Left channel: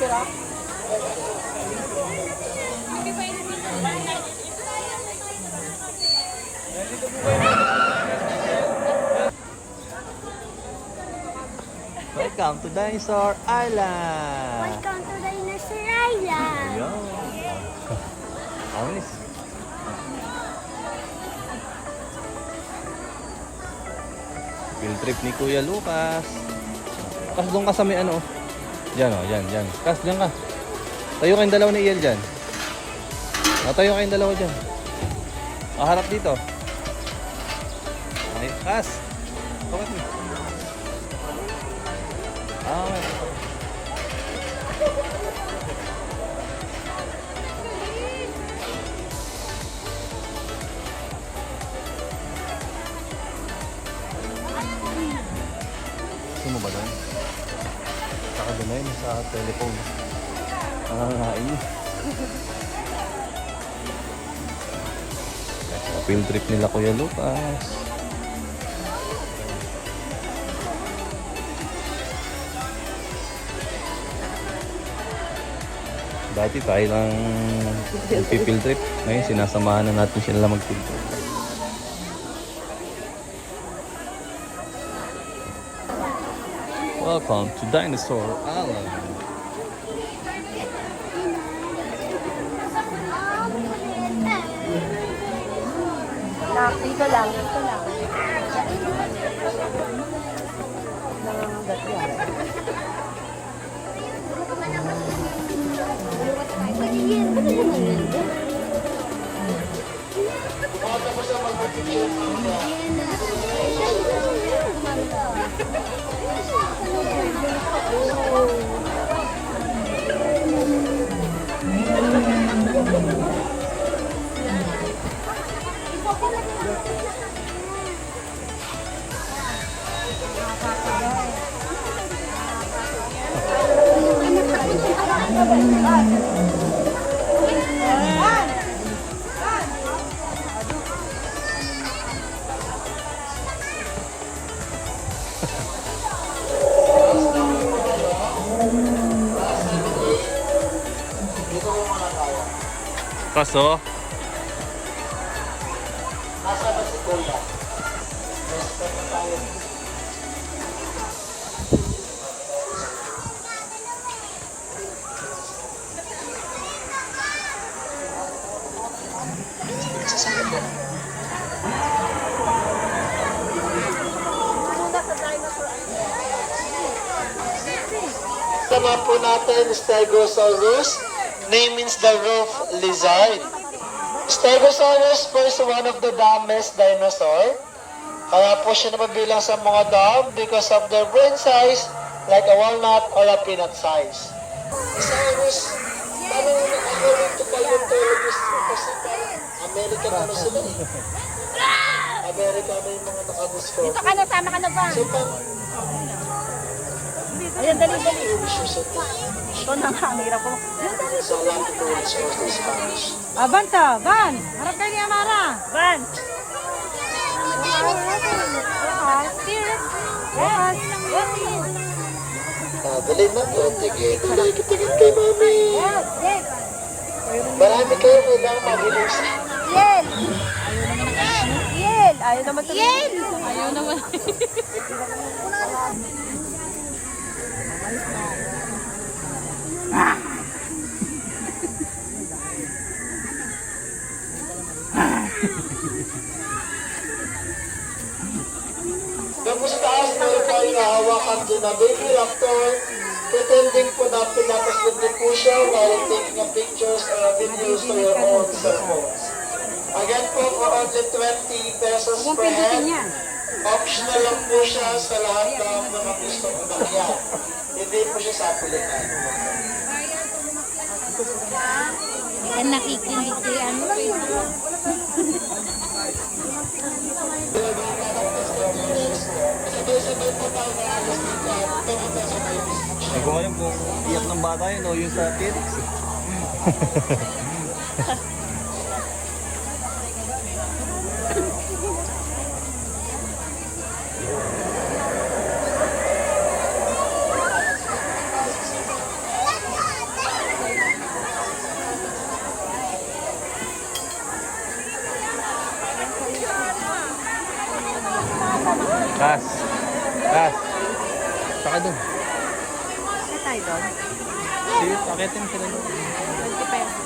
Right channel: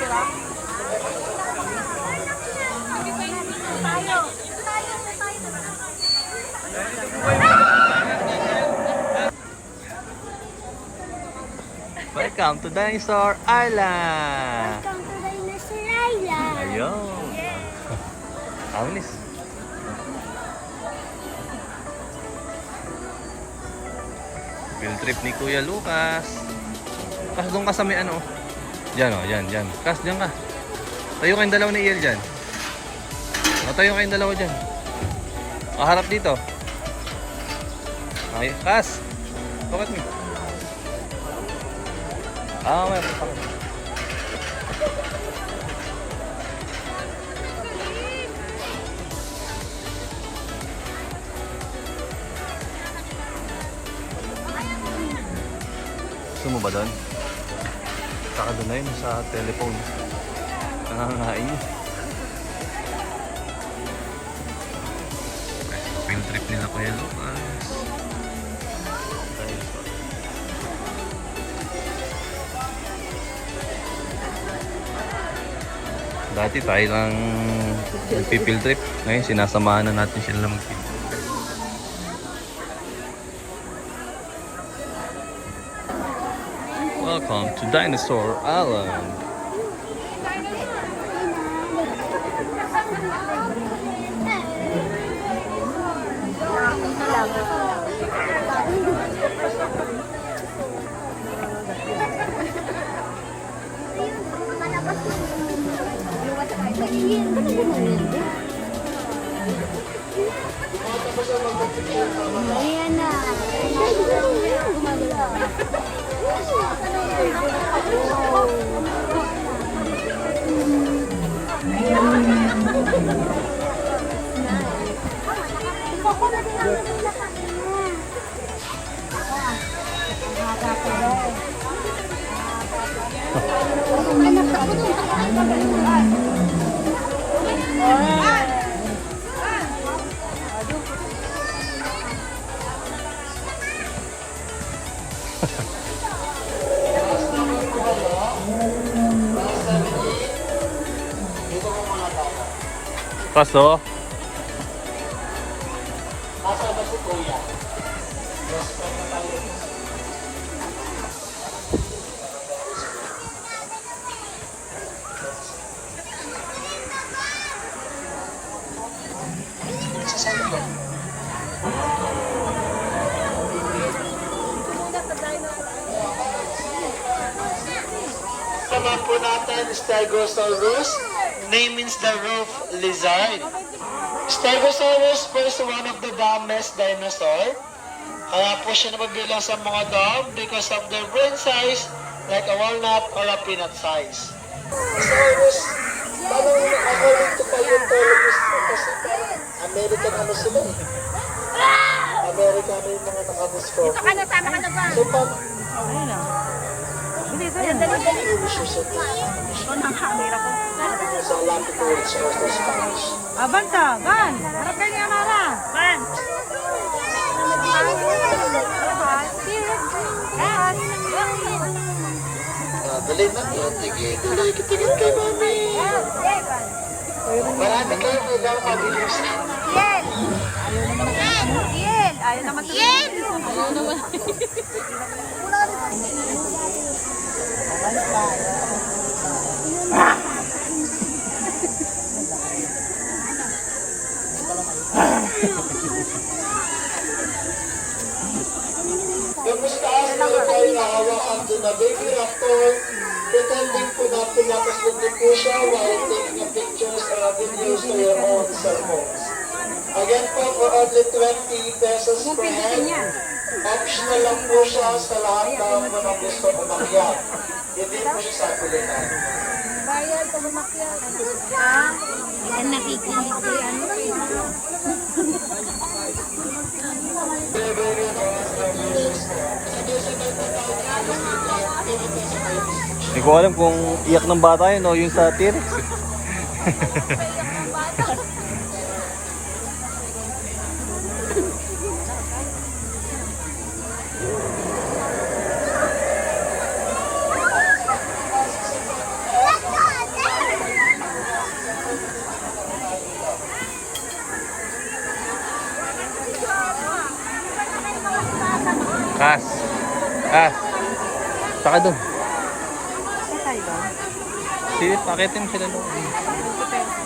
Welcome to Dinosaur Island! Welcome to Dinosaur Island! Ayun! Anglis! Field trip ni Kuya Lucas. Kas doon ka sa may ano. Diyan o, yan. Kas, diyan ka. Tayo kayong dalawa ni Iel dyan. Tayo kayong dalawa dyan. Harap dito. Ay, Kas. Bakit ni? May punta ko. Gusto mo ba doon? Saka doon na yun sa telephone. Nangangain. Field trip nila Kuya Lucas. Dati tayo lang nagpi-field trip. Ngayon sinasamahan na natin sila mag-field trip. Welcome to Dinosaur Island. Ito lang. Kaso Tama po natin, Stegosaurus. Name means the roof lizard. Stegosaurus was one of the dumbest dinosaur. Kaya po siya napabilang sa mga dumb because of their brain size like a walnut or a peanut size. Stegosaurus, paano according to paleontologists, kasi American ano sila eh. American ano yung mga nakadiscover. Ito ka na, sama ka na ba? So, pang Ayan, dali. Ito na camera ko. Sa latitude source ng Spanish. Van! Harap kayo ni Amara! Van! Dali na po. Tigil kay mami. Marami kayo kailangan kabilisin. Yel! Ayaw naman ang ano? Yel! Ayaw naman. Ayaw naman. Tapos taas na tayo na hawakan din na baby raptor, pretending po na pinakas din po siya while taking a pictures or videos to your own cell phones. Again po, for only 20 pesos per head, optional lang po siya sa lahat ng mga gusto umakyat. Hindi po siya sa pilitan. Yan nakikinig si ano. hindi ko alam kung iyak ng bata yun o yung sa T-Rex. Saka doon. Sa tayo doon. Sige, pakitin sila doon. 20 pesos.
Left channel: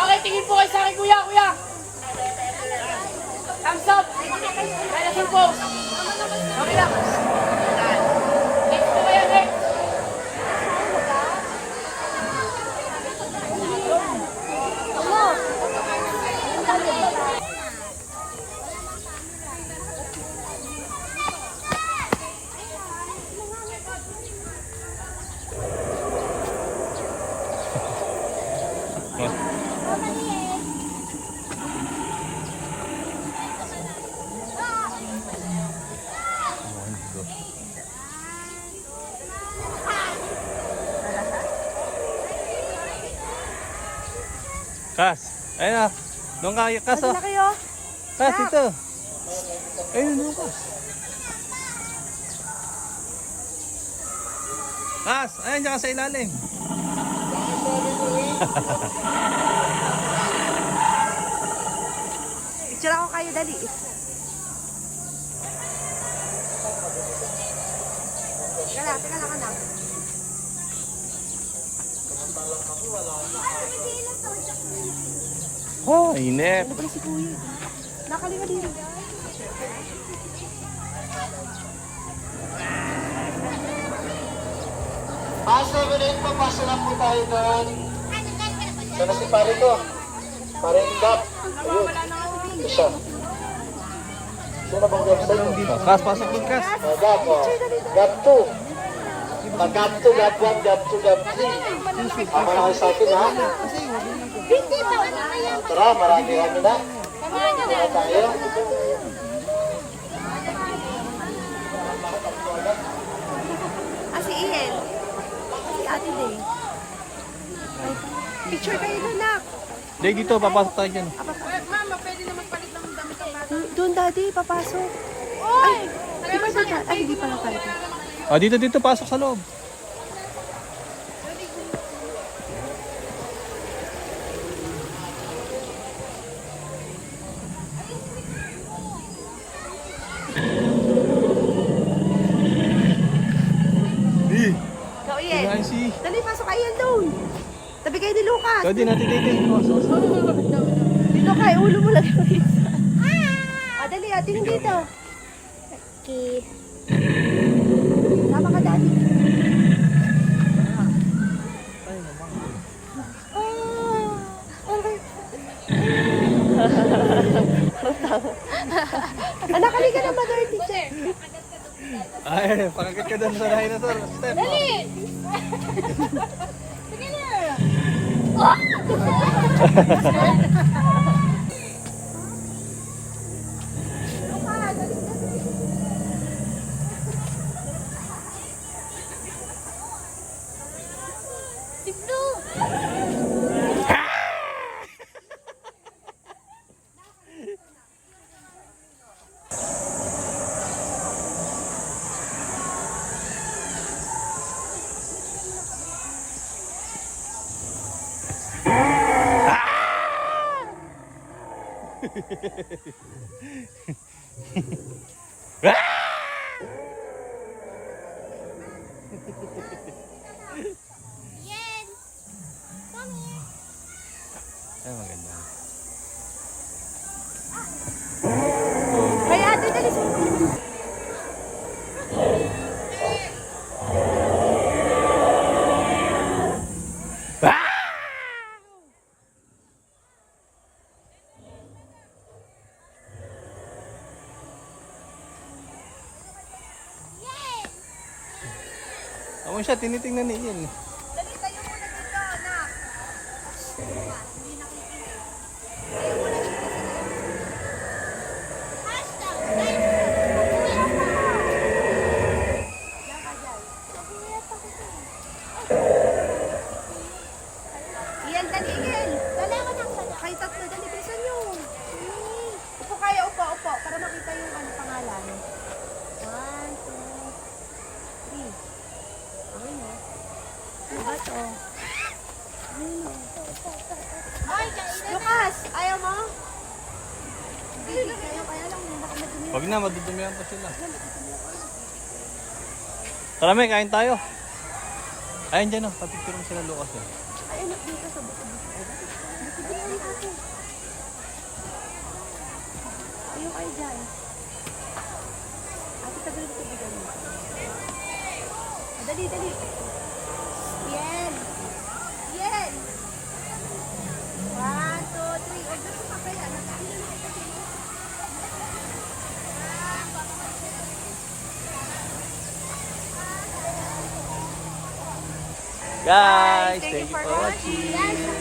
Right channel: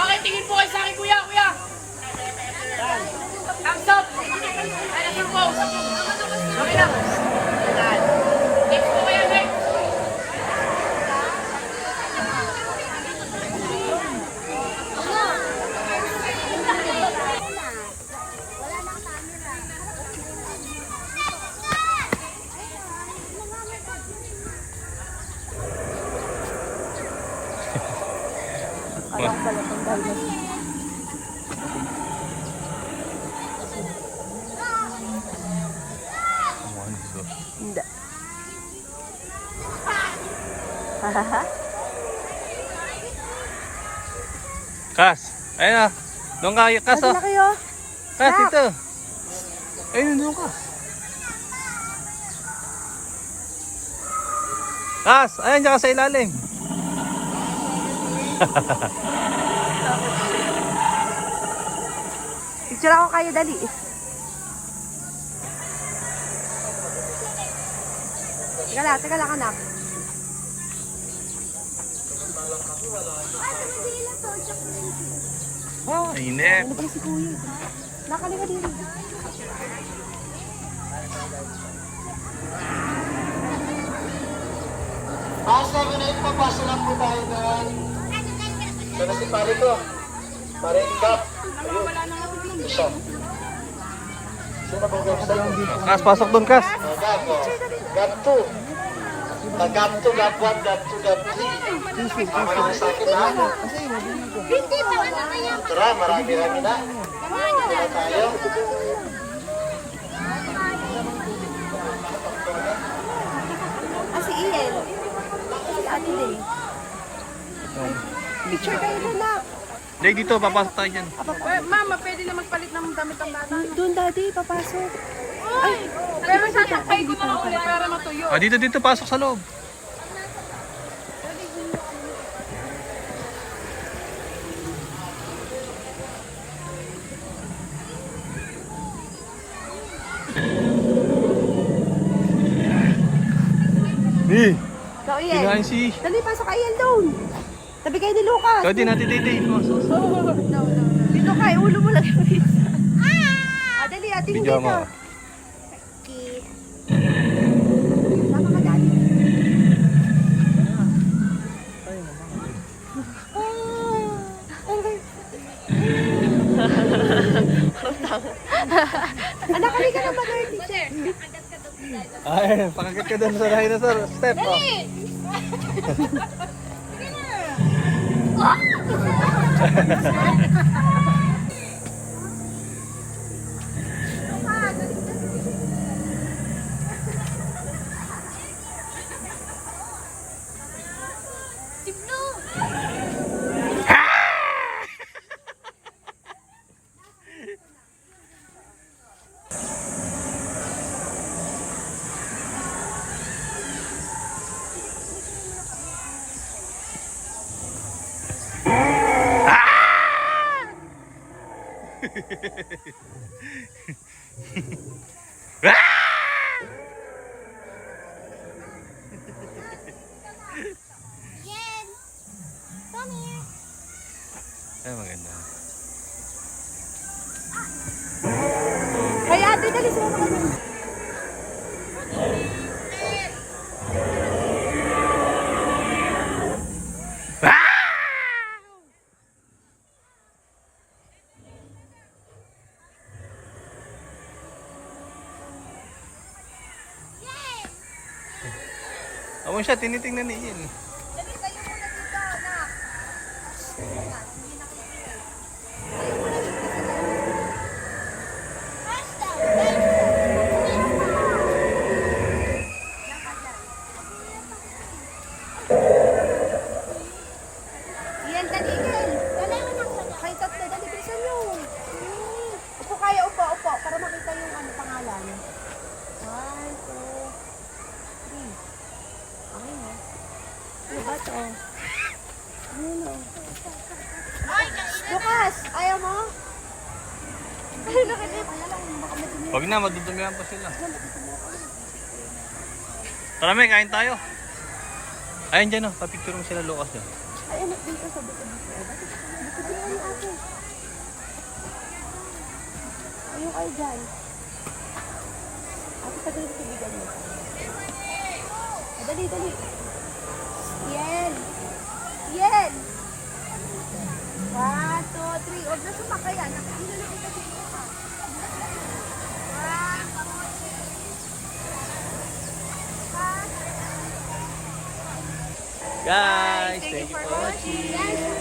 Okay, tingin po kayo sa akin, kuya, kuya. Thumbs up. Tingin po. Okay lang. Next po kayo, next. Hindi. Kas, ayun na. Doon ka, Kas oh. Laki oh. Kas, ito. Ayun, doon ka. Kas, ayun dyan ka sa ilalim. Picture ako kayo, dali. Teka lang, anak. Oh, init. Ano ba si Kuya? Nakaliga dito. Ah, 7-8 pa, pasa na po tayo doon. Sino si pare ko? Pare Gap. Nawawala na nga si Bing. Isa. Sino ba Gap sa'yo? Kas, pasok doon, Kas. Gap, oh. Gap 2. Gap 2, Gap 1, Gap 2, Gap 3. Tama na kayo sa akin, ha? Tara, marami kami na. Tayo. Ah, si Ian. Si Ate Day. Picture kayo doon, nak. Day, dito, papasok tayo dyan. Mama, pwede na magpalit ng damit ang bata. Doon, daddy, papasok. Ay, di ba dito? Ay, hindi pa pala. Ah, dito, pasok sa loob. Di, So, Ian. kinain si... Dali, pasok kayo doon. Tabi kayo ni Lucas. Ikaw din, Ate Day. Pasok. Dito kayo, ulo mo lang. Ah, dali, ate, hindi Pijama. na. Okay. Tama ka, daddy. Anak, halika na ba, teacher? Ay, pakakit ka doon sa bahay na sir. Step. Ay, maganda. Ay, ate, dali sa Amo Kung siya, tinitingnan ni Iel. Dali, tayo muna dito, anak. Iyan, dali, Iyan. Dali, anak. Kayo tatlo, dali, bilisan nyo. Upo kayo, upo, upo. Para makita yung ano, pangalan. 1, 2, 3. Okay na. Ano ba to? Lucas, ayaw mo? Kaya lang, baka madumi. Wag na, madudumihan pa sila. Tara, may kain tayo. Ayun dyan, oh. Papicture mo sila, Lucas. Dyan. Ay, anak, dito sa dito. Dito na yung ako. Ayaw kayo dyan. Ate, tagal ko bigyan mo. Dali, dali. Yan. Yan. 1, 2, 3. Huwag na sumakaya. Guys, thank you for watching.